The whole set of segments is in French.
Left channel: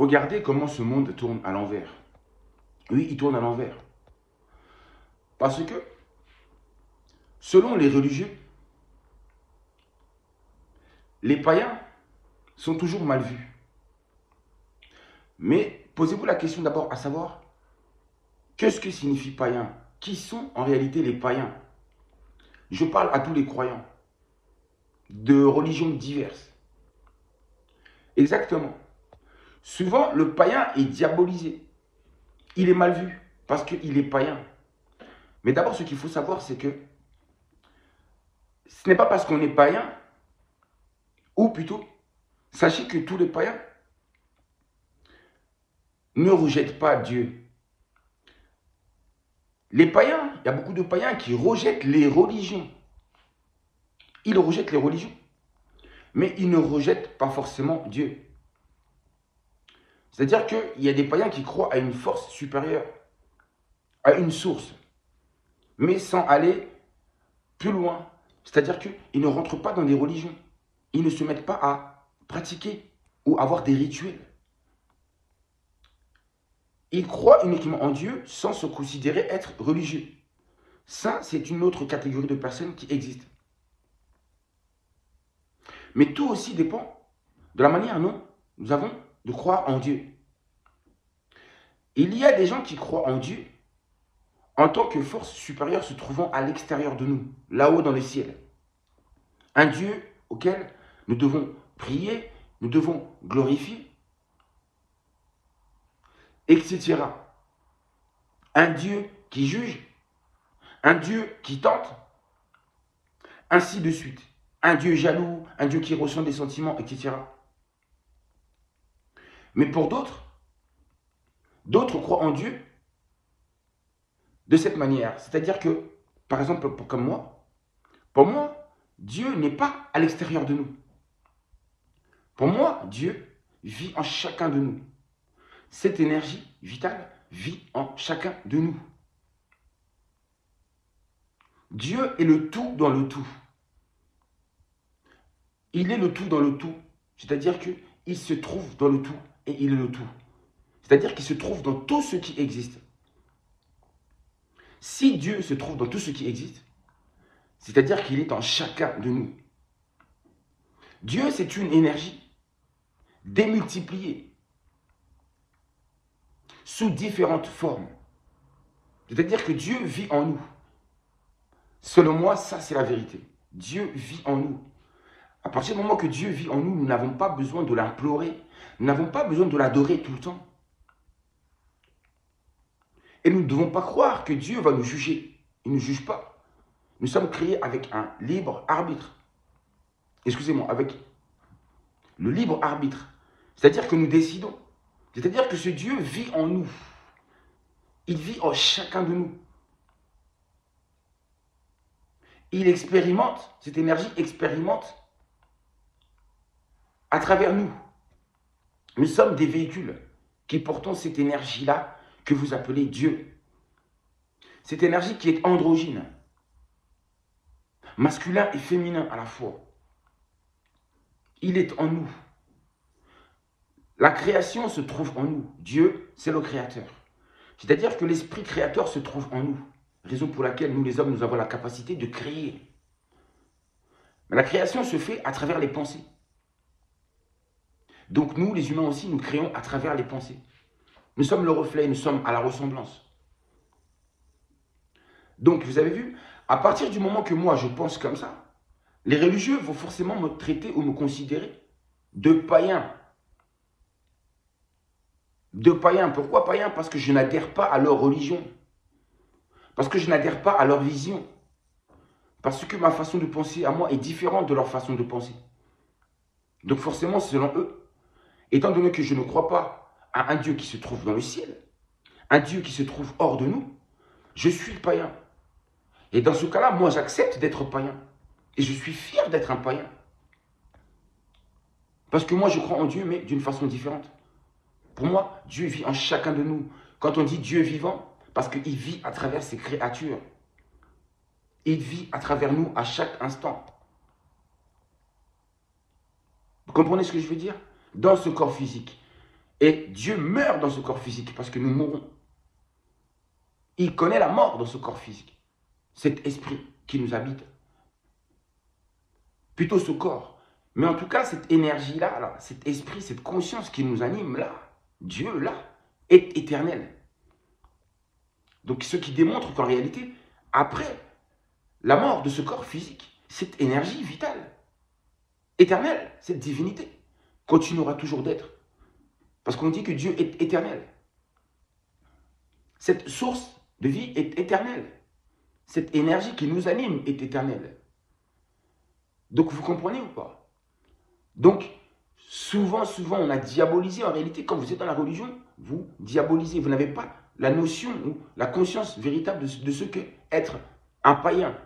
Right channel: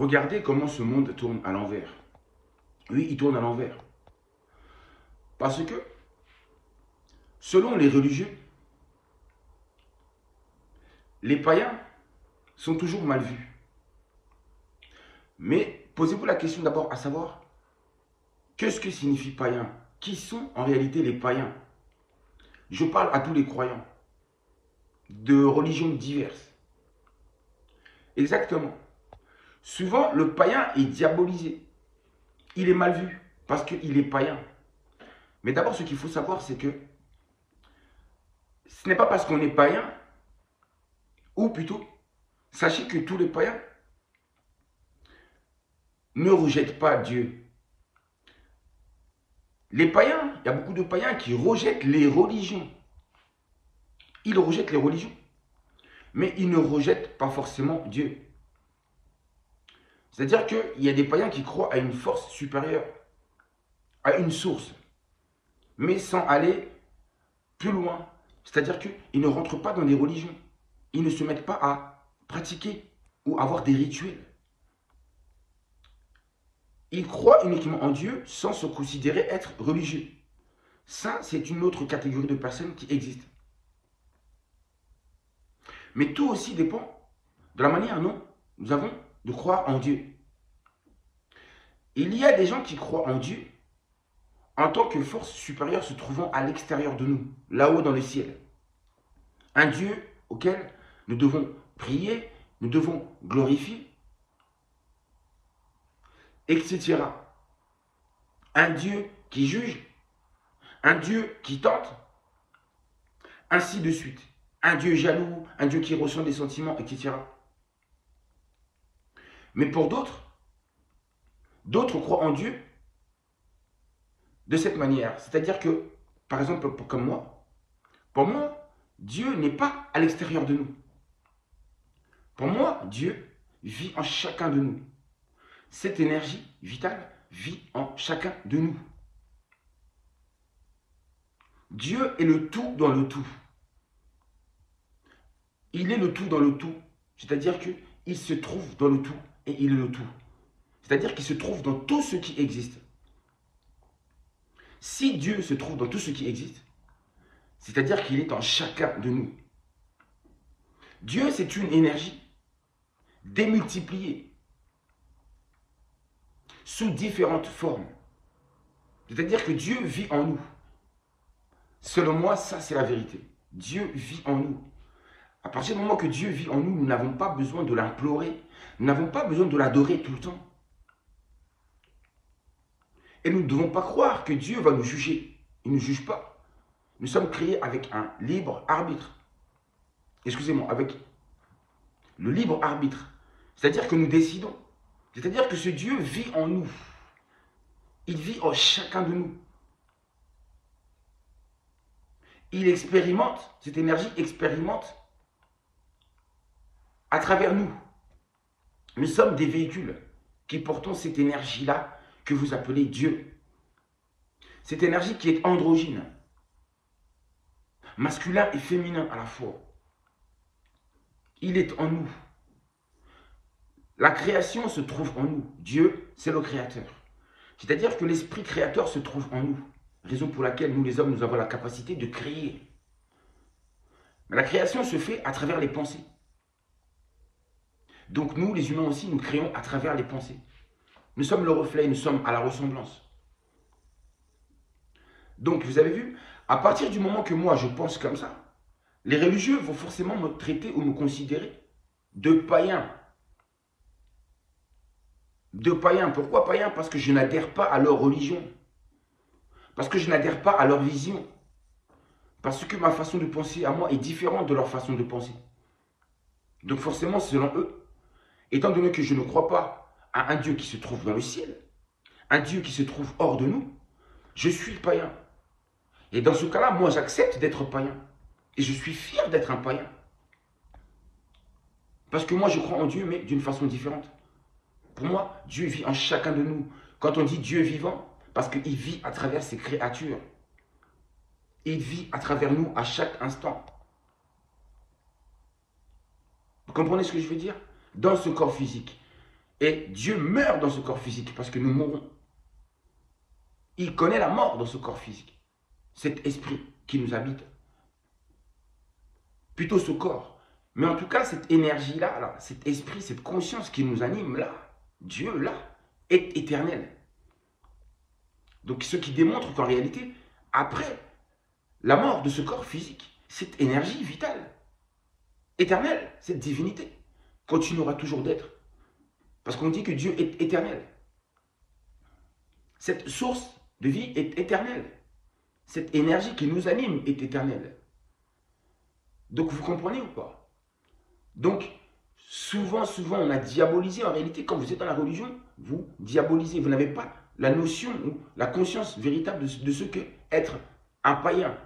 Regardez comment ce monde tourne à l'envers. Oui, il tourne à l'envers. Parce que, selon les religieux, les païens sont toujours mal vus. Mais posez-vous la question d'abord à savoir, qu'est-ce que signifie païen? Qui sont en réalité les païens? Je parle à tous les croyants de religions diverses. Exactement. Souvent, le païen est diabolisé. Il est mal vu parce qu'il est païen. Mais d'abord, ce qu'il faut savoir, c'est que ce n'est pas parce qu'on est païen, ou plutôt, sachez que tous les païens ne rejettent pas Dieu. Les païens, il y a beaucoup de païens qui rejettent les religions. Ils rejettent les religions. Mais ils ne rejettent pas forcément Dieu. C'est-à-dire qu'il y a des païens qui croient à une force supérieure, à une source, mais sans aller plus loin. C'est-à-dire qu'ils ne rentrent pas dans des religions. Ils ne se mettent pas à pratiquer ou avoir des rituels. Ils croient uniquement en Dieu sans se considérer être religieux. Ça, c'est une autre catégorie de personnes qui existe. Mais tout aussi dépend de la manière dont nous avons de croire en Dieu. Il y a des gens qui croient en Dieu en tant que force supérieure se trouvant à l'extérieur de nous, là-haut dans les ciels. Un Dieu auquel nous devons prier, nous devons glorifier, etc. Un Dieu qui juge, un Dieu qui tente, ainsi de suite. Un Dieu jaloux, un Dieu qui ressent des sentiments, etc. Mais pour d'autres, d'autres croient en Dieu de cette manière. C'est-à-dire que, par exemple, comme moi, pour moi, Dieu n'est pas à l'extérieur de nous. Pour moi, Dieu vit en chacun de nous. Cette énergie vitale vit en chacun de nous. Dieu est le tout dans le tout. Il est le tout dans le tout. C'est-à-dire qu'il se trouve dans le tout et il est le tout. C'est-à-dire qu'il se trouve dans tout ce qui existe. Si Dieu se trouve dans tout ce qui existe, c'est-à-dire qu'il est en chacun de nous. Dieu, c'est une énergie démultipliée sous différentes formes. C'est-à-dire que Dieu vit en nous. Selon moi, ça c'est la vérité. Dieu vit en nous. À partir du moment que Dieu vit en nous, nous n'avons pas besoin de l'implorer. Nous n'avons pas besoin de l'adorer tout le temps. Et nous ne devons pas croire que Dieu va nous juger. Il ne juge pas. Nous sommes créés avec un libre arbitre. Excusez-moi, avec le libre arbitre. C'est-à-dire que nous décidons. C'est-à-dire que ce Dieu vit en nous. Il vit en chacun de nous. Il expérimente, cette énergie expérimente à travers nous. Nous sommes des véhicules qui portons cette énergie-là que vous appelez Dieu. Cette énergie qui est androgyne, masculin et féminin à la fois. Il est en nous. La création se trouve en nous. Dieu, c'est le créateur. C'est-à-dire que l'esprit créateur se trouve en nous. Raison pour laquelle nous les hommes, nous avons la capacité de créer. Mais la création se fait à travers les pensées. Donc nous, les humains aussi, nous créons à travers les pensées. Nous sommes le reflet, nous sommes à la ressemblance. Donc vous avez vu, à partir du moment que moi je pense comme ça, les religieux vont forcément me traiter ou me considérer de païen. De païen. Pourquoi païen? Parce que je n'adhère pas à leur religion. Parce que je n'adhère pas à leur vision. Parce que ma façon de penser à moi est différente de leur façon de penser. Donc forcément, selon eux, étant donné que je ne crois pas à un Dieu qui se trouve dans le ciel, un Dieu qui se trouve hors de nous, je suis païen. Et dans ce cas-là, moi j'accepte d'être païen. Et je suis fier d'être un païen. Parce que moi je crois en Dieu, mais d'une façon différente. Pour moi, Dieu vit en chacun de nous. Quand on dit Dieu vivant, parce qu'il vit à travers ses créatures. Il vit à travers nous à chaque instant. Vous comprenez ce que je veux dire? Dans ce corps physique. Et Dieu meurt dans ce corps physique parce que nous mourrons. Il connaît la mort dans ce corps physique. Cet esprit qui nous habite. Plutôt ce corps. Mais en tout cas, cette énergie-là, là, cet esprit, cette conscience qui nous anime là, Dieu là, est éternel. Donc ce qui démontre qu'en réalité, après la mort de ce corps physique, cette énergie vitale, éternelle, cette divinité, continuera toujours d'être. Parce qu'on dit que Dieu est éternel. Cette source de vie est éternelle. Cette énergie qui nous anime est éternelle. Donc vous comprenez ou pas? Donc, souvent, on a diabolisé. En réalité, quand vous êtes dans la religion, vous diabolisez. Vous n'avez pas la notion ou la conscience véritable de ce qu'est être un païen.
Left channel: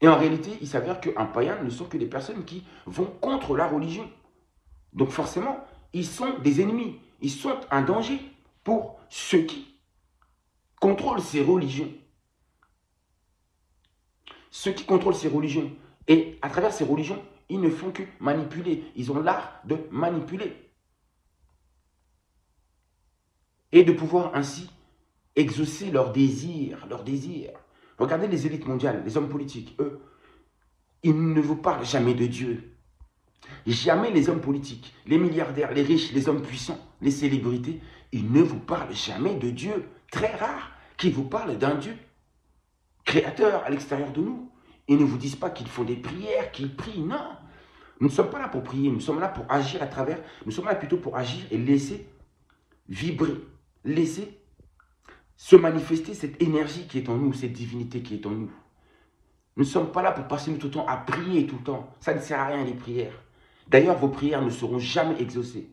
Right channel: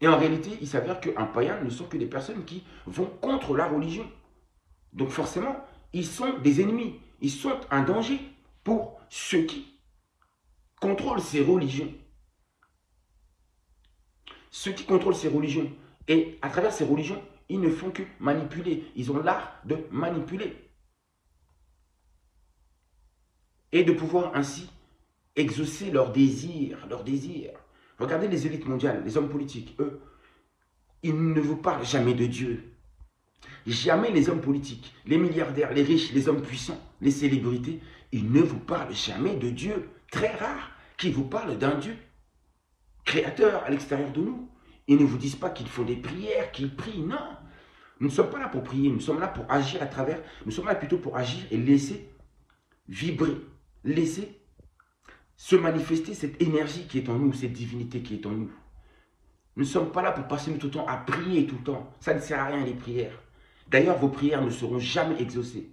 Et en réalité, il s'avère qu'un païen ne sont que des personnes qui vont contre la religion. Donc forcément, ils sont des ennemis. Ils sont un danger pour ceux qui contrôlent ces religions. Ceux qui contrôlent ces religions. Et à travers ces religions, ils ne font que manipuler. Ils ont l'art de manipuler. Et de pouvoir ainsi exaucer leurs désirs, Regardez les élites mondiales, les hommes politiques, eux, ils ne vous parlent jamais de Dieu. Jamais les hommes politiques, les milliardaires, les riches, les hommes puissants, les célébrités, ils ne vous parlent jamais de Dieu. Très rare qu'ils vous parlent d'un Dieu créateur à l'extérieur de nous. Ils ne vous disent pas qu'ils font des prières, qu'ils prient, non. Nous ne sommes pas là pour prier, nous sommes là pour agir à travers, nous sommes là plutôt pour agir et laisser vibrer, laisser se manifester cette énergie qui est en nous, cette divinité qui est en nous. Nous ne sommes pas là pour passer tout le temps à prier tout le temps. Ça ne sert à rien les prières. D'ailleurs, vos prières ne seront jamais exaucées.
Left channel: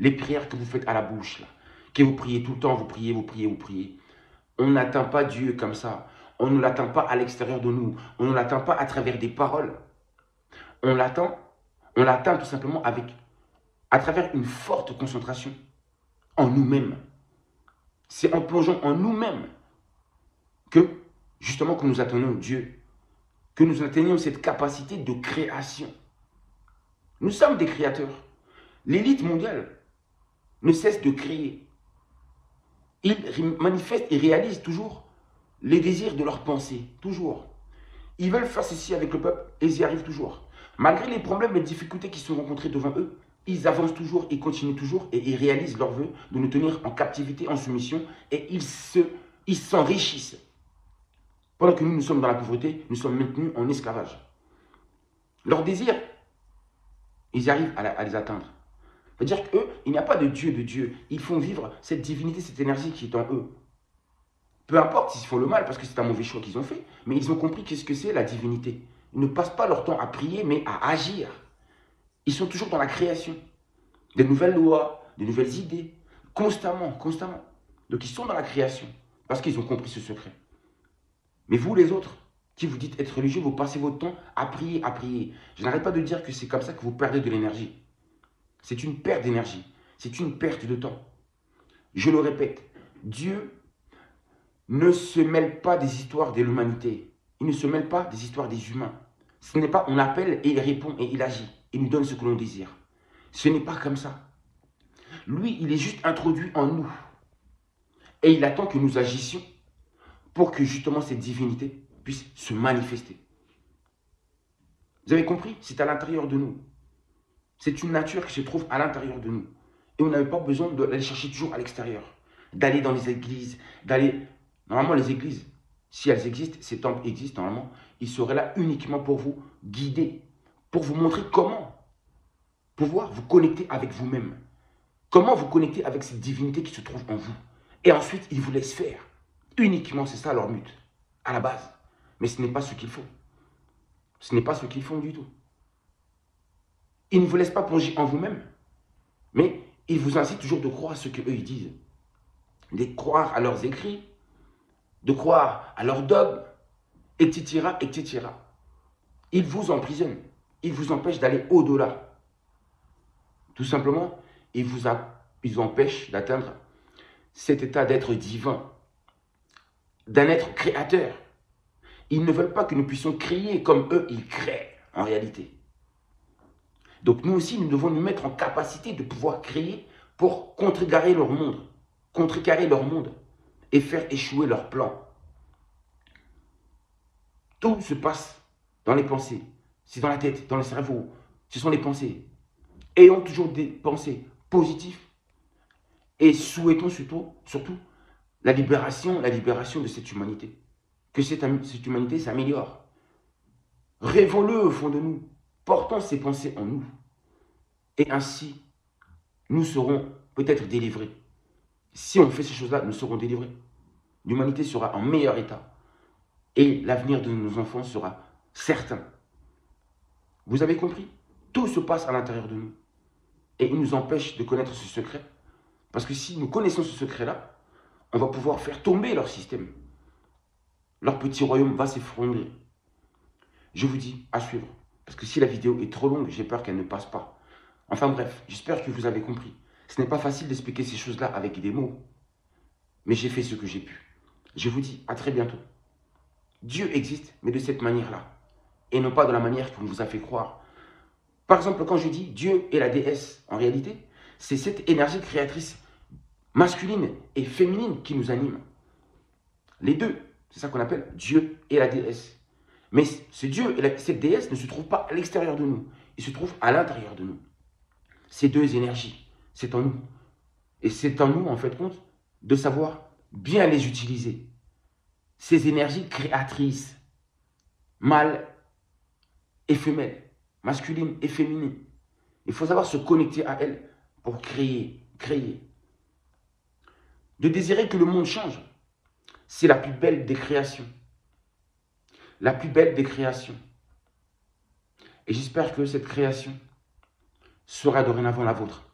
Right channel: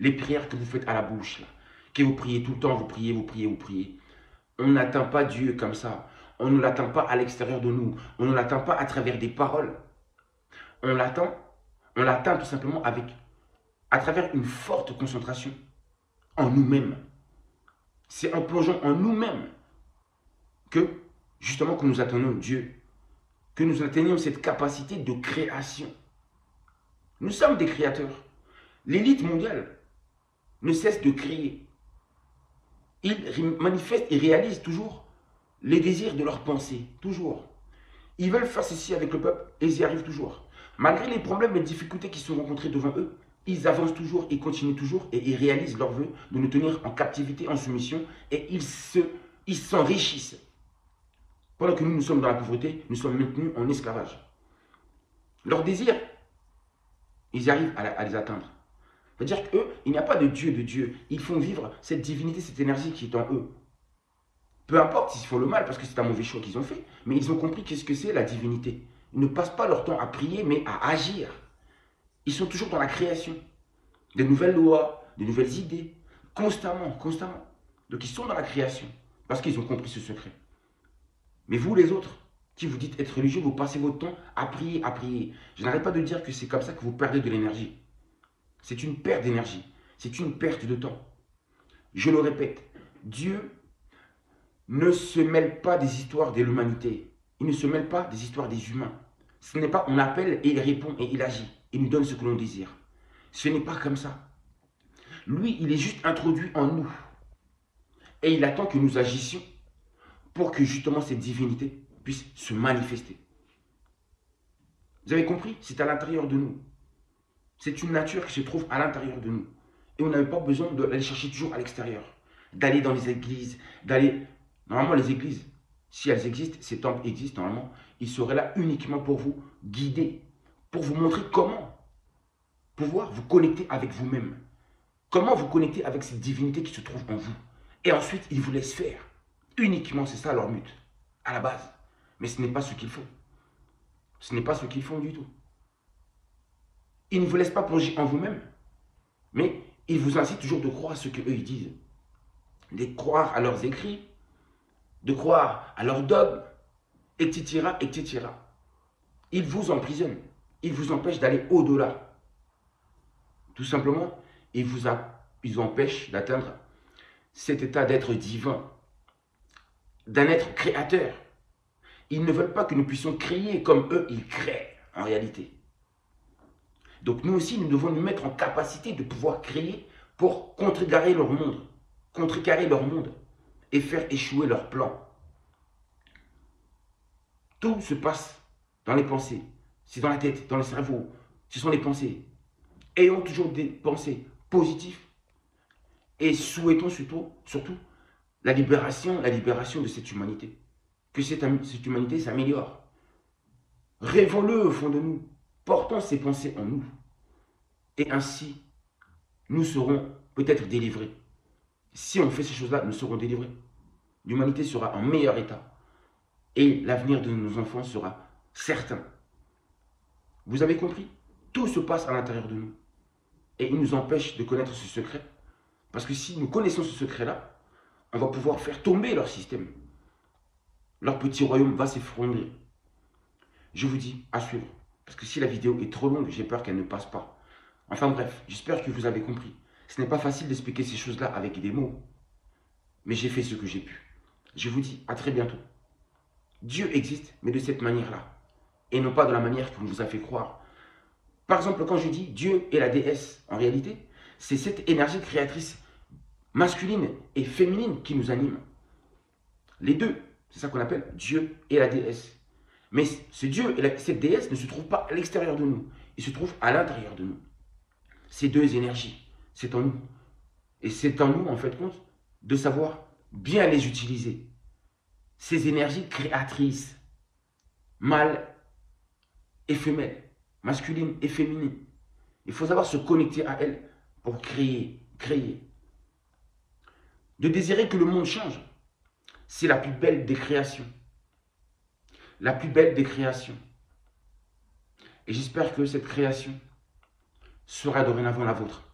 Les prières que vous faites à la bouche, là, que vous priez tout le temps, vous priez. On n'atteint pas Dieu comme ça. On ne l'attend pas à l'extérieur de nous. On ne l'attend pas à travers des paroles. On l'atteint tout simplement à travers une forte concentration en nous-mêmes. C'est en plongeant en nous-mêmes que, justement, que nous atteignons Dieu, que nous atteignons cette capacité de création. Nous sommes des créateurs. L'élite mondiale ne cesse de créer. Ils manifestent et réalisent toujours les désirs de leurs pensées, toujours. Ils veulent faire ceci avec le peuple et ils y arrivent toujours. Malgré les problèmes et les difficultés qui sont rencontrés devant eux, ils avancent toujours, ils continuent toujours et ils réalisent leur vœu de nous tenir en captivité, en soumission et ils s'enrichissent. Pendant que nous sommes dans la pauvreté, nous sommes maintenus en esclavage. Leurs désirs, ils arrivent à les atteindre. C'est-à-dire qu'eux, il n'y a pas de Dieu. Ils font vivre cette divinité, cette énergie qui est en eux. Peu importe s'ils font le mal, parce que c'est un mauvais choix qu'ils ont fait, mais ils ont compris qu'est-ce que c'est la divinité. Ils ne passent pas leur temps à prier, mais à agir. Ils sont toujours dans la création. Des nouvelles lois, des nouvelles idées, constamment. Donc ils sont dans la création, parce qu'ils ont compris ce secret. Mais vous les autres, qui vous dites être religieux, vous passez votre temps à prier. Je n'arrête pas de dire que c'est comme ça que vous perdez de l'énergie. C'est une perte d'énergie. C'est une perte de temps. Je le répète, Dieu ne se mêle pas des histoires de l'humanité. Il ne se mêle pas des histoires des humains. Ce n'est pas on appelle et il répond et il agit. Il nous donne ce que l'on désire. Ce n'est pas comme ça. Lui, il est juste introduit en nous. Et il attend que nous agissions pour que justement cette divinité puisse se manifester. Vous avez compris? C'est à l'intérieur de nous. C'est une nature qui se trouve à l'intérieur de nous. Et on n'avait pas besoin d'aller chercher toujours à l'extérieur. D'aller dans les églises, Normalement, les églises, si elles existent, ces temples existent normalement, ils seraient là uniquement pour vous guider, pour vous montrer comment pouvoir vous connecter avec vous-même. Comment vous connecter avec cette divinité qui se trouve en vous. Et ensuite, ils vous laissent faire. Uniquement, c'est ça leur but, à la base. Mais ce n'est pas ce qu'ils font. Ce n'est pas ce qu'ils font du tout. Ils ne vous laissent pas plonger en vous-même. Mais ils vous incitent toujours de croire à ce qu'eux ils disent. De croire à leurs écrits, de croire à leurs dogmes, etc., etc. Ils vous emprisonnent. Ils vous empêchent d'aller au-delà. Tout simplement, ils vous empêchent d'atteindre cet état d'être divin, d'un être créateur. Ils ne veulent pas que nous puissions créer comme eux, ils créent en réalité. Donc nous aussi, nous devons nous mettre en capacité de pouvoir créer pour contrecarrer leur monde et faire échouer leur plan. Tout se passe dans les pensées. C'est dans la tête, dans le cerveau. Ce sont les pensées. Ayons toujours des pensées positives et souhaitons surtout la libération de cette humanité. Que cette humanité s'améliore. Rêvons-le au fond de nous. Portons ces pensées en nous. Et ainsi, nous serons peut-être délivrés. Si on fait ces choses-là, nous serons délivrés. L'humanité sera en meilleur état. Et l'avenir de nos enfants sera certain. Vous avez compris? Tout se passe à l'intérieur de nous. Et il nous empêche de connaître ce secret. Parce que si nous connaissons ce secret-là, on va pouvoir faire tomber leur système. Leur petit royaume va s'effondrer. Je vous dis à suivre. Parce que si la vidéo est trop longue, j'ai peur qu'elle ne passe pas. Enfin bref, j'espère que vous avez compris. Ce n'est pas facile d'expliquer ces choses-là avec des mots. Mais j'ai fait ce que j'ai pu. Je vous dis à très bientôt. Dieu existe, mais de cette manière-là. Et non pas de la manière qu'on vous a fait croire. Par exemple, quand je dis Dieu et la déesse, en réalité, c'est cette énergie créatrice masculine et féminine qui nous anime. Les deux, c'est ça qu'on appelle Dieu et la déesse. Mais ce Dieu et cette déesse ne se trouvent pas à l'extérieur de nous. Ils se trouvent à l'intérieur de nous. Ces deux énergies, c'est en nous. Et c'est en nous, en fait, compte, de savoir bien les utiliser. Ces énergies créatrices, mâles et femelles, masculines et féminines. Il faut savoir se connecter à elles pour créer. De désirer que le monde change, c'est la plus belle des créations. La plus belle des créations. Et j'espère que cette création sera dorénavant la vôtre.